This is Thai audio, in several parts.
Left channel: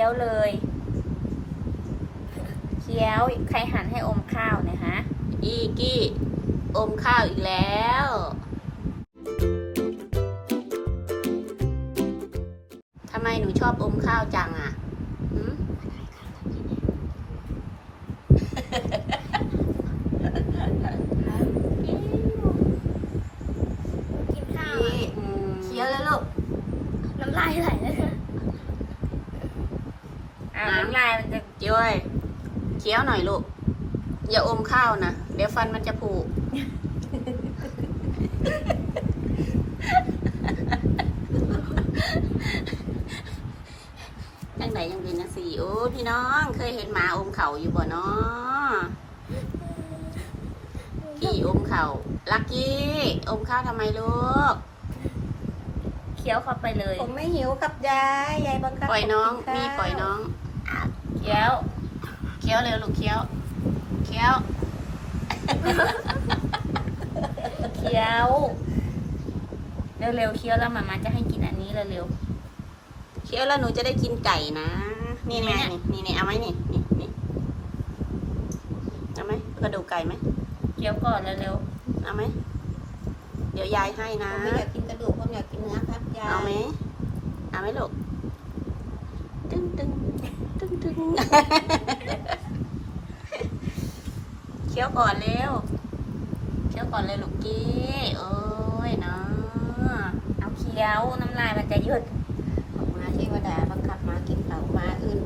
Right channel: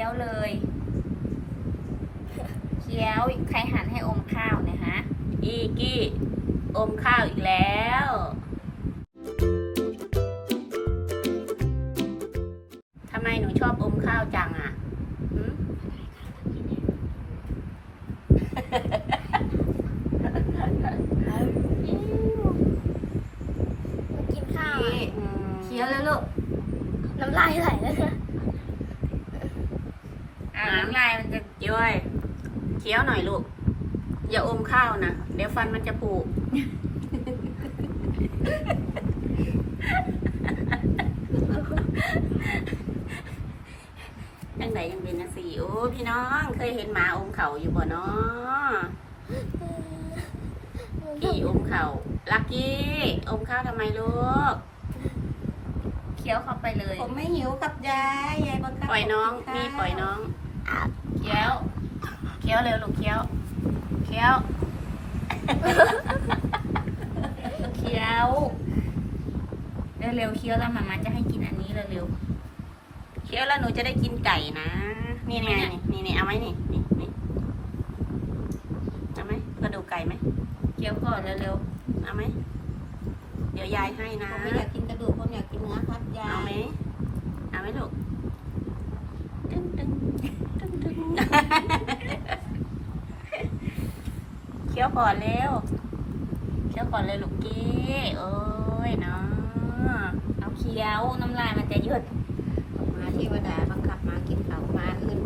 คี้ยวเลยเคี้ยวใครหันให้อมข้าวเนี่ยฮะกี้กี้อมข้าวอีกแล้วทำไมหนูชอบอมข้าวจังอะหืม กินข้าว กี้อืมเคี้ยวแล้วลูก น้ำลายไหลเลยค่ะ อ้าวน้ำลายมันจะย้อยเคี้ยวหน่อยลูก อย่าอมข้าวนะ เดี๋ยวฟันมันจะผุจังไหนยังเป็นนะสีโอ้พี่น้อง เคยเห็นหมาอมเข่าอยู่บ่เนาะพี่อมเข่าลักกี้ อมข้าวทำไมลูก เคี้ยวเข้าไปเลย ผมไม่หิวกับยายยายบังคับปล่อยน้องให้นี่กิปล่อยน้อง เคี้ยวเคี้ยวเร็วลูกเคี้ยวเคี้ยวเคี้ยวเร็วๆเคี้ยวแล้วหมามาจะให้กินอันนี้เร็วเคี้ยวแล้วหนูจะได้กินไก่นะ นี่ไงนี่นี่เอาไหมนี่นี่นี่เอาไหมกระดูกไก่ไหมๆเคี้ยวก่อนเร็วเอาไหมเดี๋ยวยายให้นะผมไม่อยากกินกระดูกผมอยากกินเนื้อครับยายเอาไหมเอาไหมลูกตึ้งตึ้ง ตึ้งตึ้งเคี้ยวก่อนเร็วเคี้ยวก่อนเลยลูกกี้โอ้ยเนาะๆเอาเคี้ยวน้ำลายมันจะหยุดมาเทวดาบังคับมากินเต่ามาอื่น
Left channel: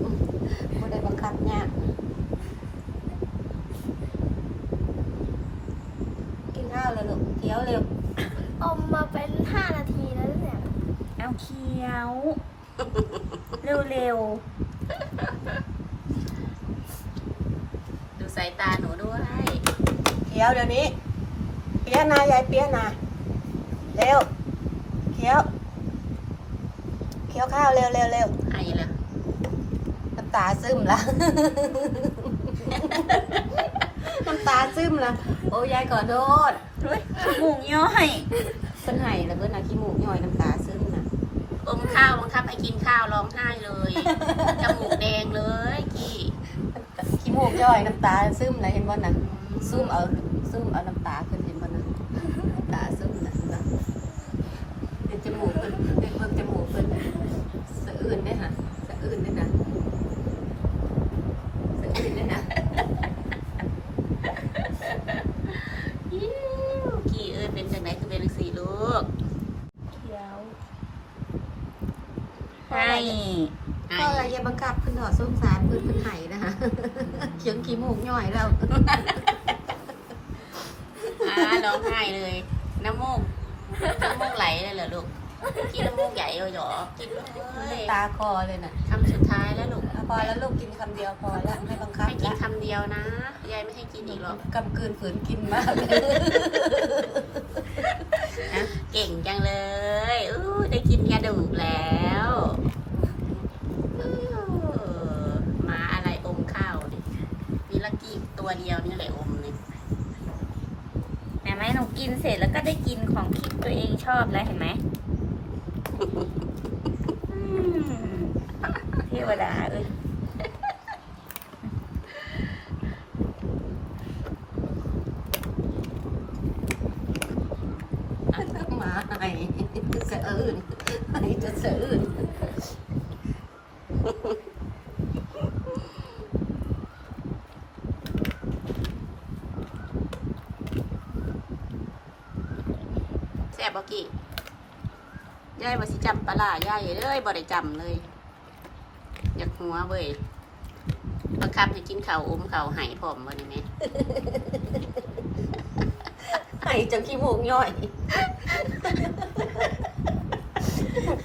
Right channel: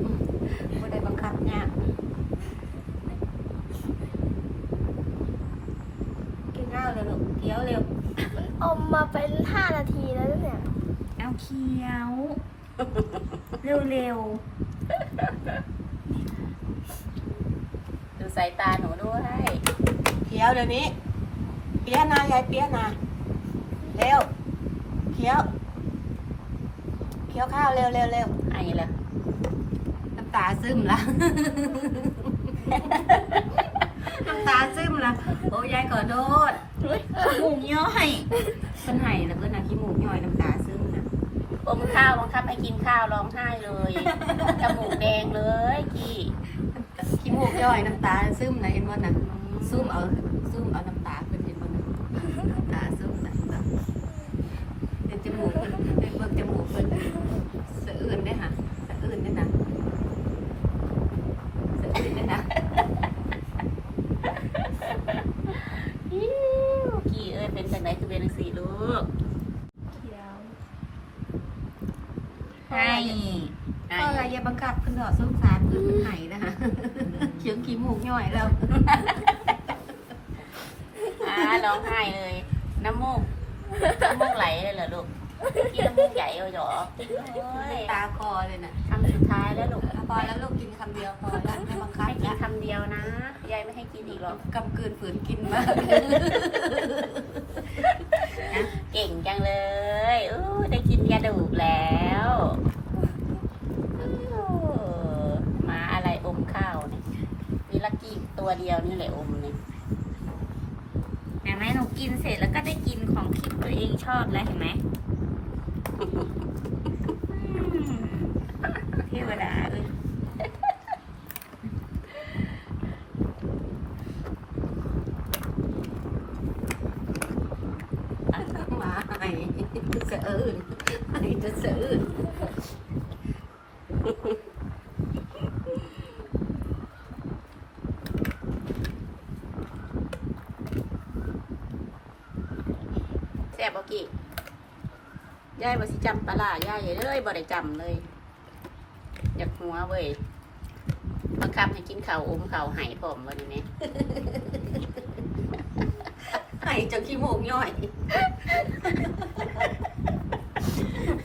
ไม่ได้บังคับยากกินข้าวเลยลูกเคี้ยวเร็วอมมาเป็นห้านาทีแล้วเนี่ยเอาเคี้ยว เร็วดูสายตาหนูด้วย เคี้ยวเดี๋ยวนี้เปียนายายเปียนาเร็วเคี้ยวเคี้ยวข้าวเร็วเร็วเร็วไอ้ละน้ำตาซึมละ น้ำตาซึมละโอ้ยายขอโทษๆหมูย่อยเป็นไห้แล้วก็นาขี้มูกย่อยน้ำตาซึมนะอมข้าวบังคับให้กินข้าวร้องไห้เลยจมูกแดงเลยกี้ขี้ มูกย่อยน้ำตาซึมนะเห็นบ่นะซึมเอาซึมเอาน้ำตาขึ้นเห็นบ่นะน้ำตาซึมนะแบบเห็นจมูกเพิ่นเห็นเบิ่งจมูกเพิ่นสะอื่นได้อค่ะสะอื่นได้อนะสะอื่นได้อนะอิ๊วกี้เอ้ยเป็นจังไดคือเป็นจังสี่ลูกเคี้ยวให้ให้ก็อะไรอย่าบังคับขึ้นดอกสงสารเพิ่นเป็นไห้นะคะเขียงขี้มูกย่อยแล้ว อ่าร้องไห้เลย น้ำมูกน้ำมูกไหลเลยเหรอลูกกี้น้ำมูกใหญ่เลยเหรอกินเลยตาคอเลยนะคำสุดท้ายแล้วลูกพอแล้วลูกกินคำเดียวพอแล้วไม่บังคับให้กินคำเดียวนะยายไม่ให้กินอีกหรอกกำกืนฝืนกินมาก เก่งจังเลยอู้ได้กินกระดูกแล้วอู้หมาอะไรอมข้าวเนี่ยมีลักกี้ตัวเดียวนี่แหละอมเนี่ย เห็นไหมหนูกินเสร็จแล้วก็ ได้กินของที่ตัวเองชอบแล้วเห็นไหมเทวดาเอ้ยมาไห้สะอื่นไห้จะสะอื่น แซ่บบ่ กี้ยายบ่สิจำปลาร้ายายเลยบ่ได้จำเลย อยากหัวเว้ยบังคับให้กินข้าวอมข้าวไห้พร้อมบ่นี่แม่ไห้จนขี้มูกย่อย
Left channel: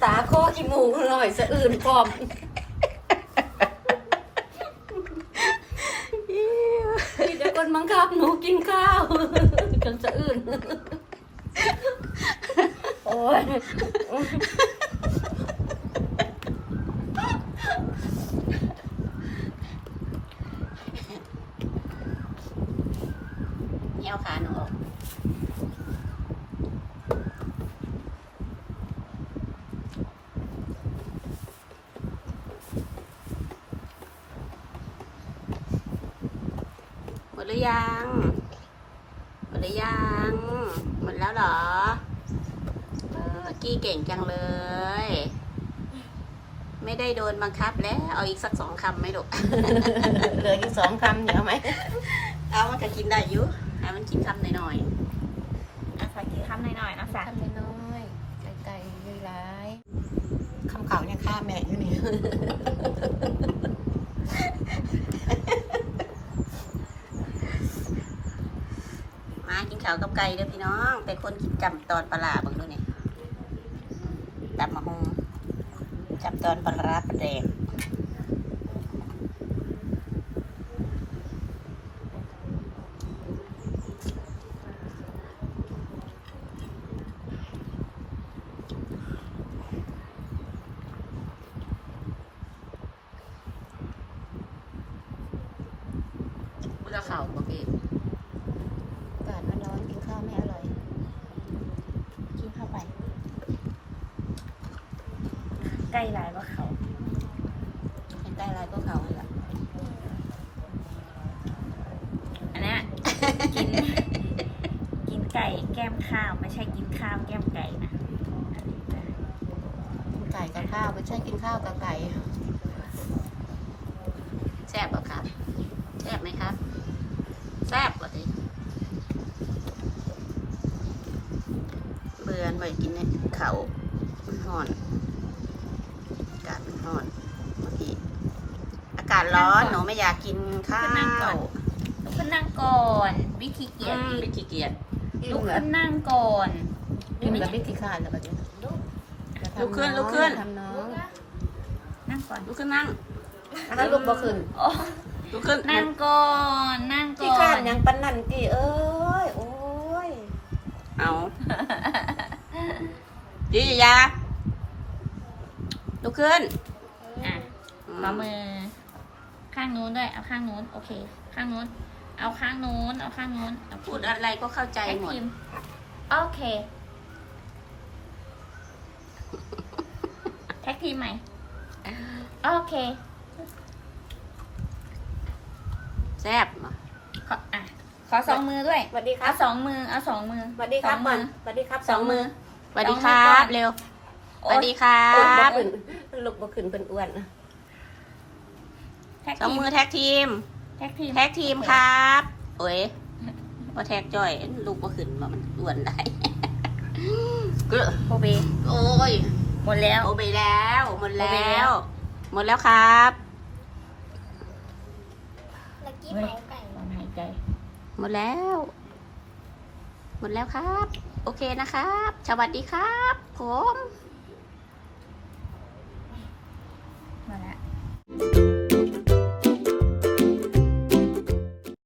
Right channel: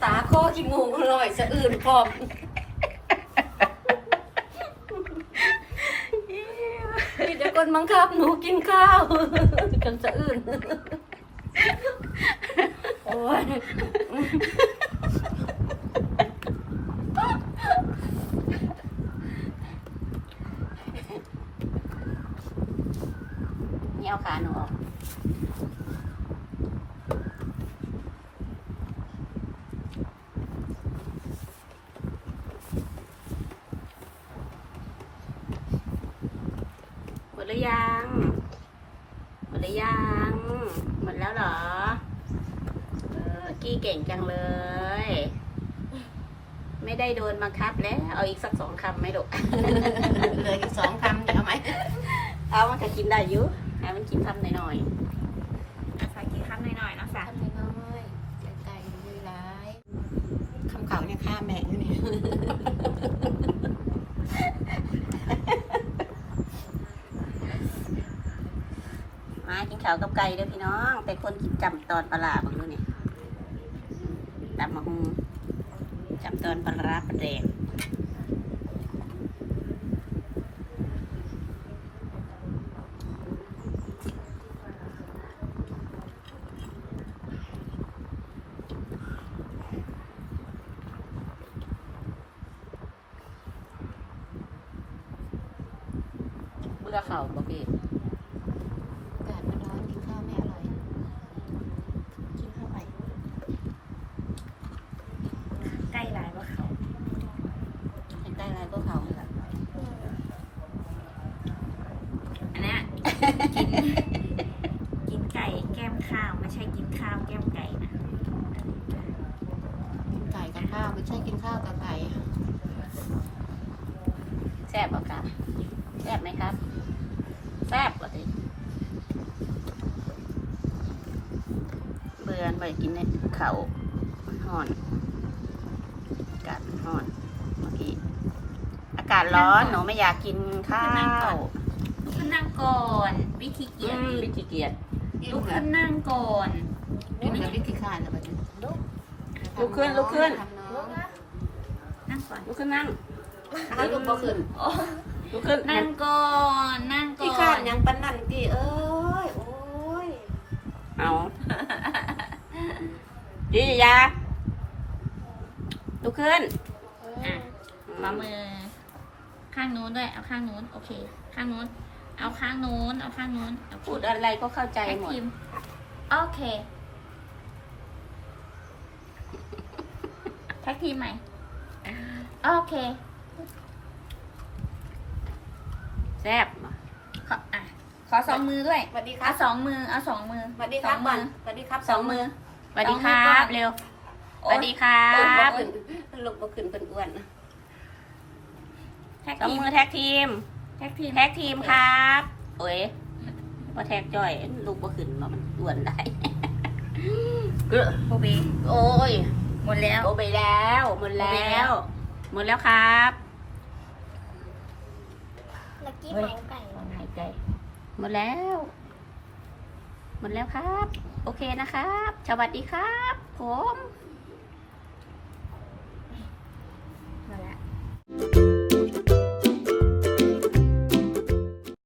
ตาคอขี้มูกหน่อยสะอื่นพร้อมมีแต่คนบังคับหนูกินข้าวจนสะอื่นโอ้ เหี่ยขาหนูออกหมดหรือยัง หมดหรือยัง หมดแล้วเหรอ กี้เก่งจังเลย ไม่ได้โดนบังคับแล้ว เอาอีกสักสองคำไหมลูกเหลืออีกสองคำเดี๋ยวเอาไหมเอามันก็กินได้อยู่ให้มันกินคำหน่อยอะฝากกินคำหน่อยๆนะฝากคำน้อยๆไก่ๆเลยร้ายคำเขาเนี่ยฆ่าแม่อยู่นี่ๆมากินข้าวกับไก่เด้อพี่น้อง เป็นคนกินจำตอนปลาร้าบางดูเนี่ยตำ จับตอนประหลาประเด็กเบื่อเข่าบ่พี่ อากาศมันร้อนกินข้าวไม่อร่อย กินเข้าไป ใกล้หลายว่าเขา ใกล้ๆอะไรก็เข่าเลยล่ะ อันเนี้ย กินกินไก่แก้มข้าวไม่ใช่กินข้าวแก้มไก่นะไก่กับข้าวไม่ใช่กินข้าวกับไก่แซ่บบ่ครับแซ่บไหมครับแซ่บกว่าดิเบื่อไปกินเนี่ยเขามันห่อนอากาศมันห่อนเมื่อกี้อากาศร้อนหนูไม่อยากกินข้าวขึ้ นนั่งก่อน วิธีเกียรอืมติวิธีเกียรติลุกขึ้นนั่งก่อน นี่มันวิธีการนะแบบนี้ลุกขึ้นลุกขึ้น ทำน้องนั่งก่อนลุกขึ้นนั่งเอาลูกบ่ขึ้นโอ้ลุกขึ้นนั่งก่อนนั่งก่ที่อคาดนยังปันนั่นตีเอ้ย โอ้ยเอาดียาลุกขึ้นอะขอมือข้างนู้นด้วยเอาข้างนู้นโอเค ข้างนู้น เอาข้างนู้น เอาข้างนู้นโอเคพูดอะไรก็เข้าใจแท็กหมดทีมโอเค แท็กทีมใหม่ โอเค แซ่บมาขออะขอสองมือด้วย สวัสดีครัเอาบสองมือ เอาสองมือสวัสดีครับสองมือสวัสดีครับสองมือ สวัสดีครับเร็วสโอ๊วัยสดีครัโอ้ยบบ่ขึ้นลูกบ่ขึ้นเป็นอ้วน แท็กสองทีมมือแท็กทีม แท็กทีมแท็กทีมครับโอ้ยว่าแท็กจ่อยลูกก็ขึ้นมามันอ้วนได้กลือโบเบโอ้ยหมดแล้วโอเบแล้วหมดแล้ว หมดแล้วครับลักกี้หายใจหายใจ หมดแล้ว หมดแล้วครับ โอเคนะครับ สวัสดีครับ ผมหมดแล้ว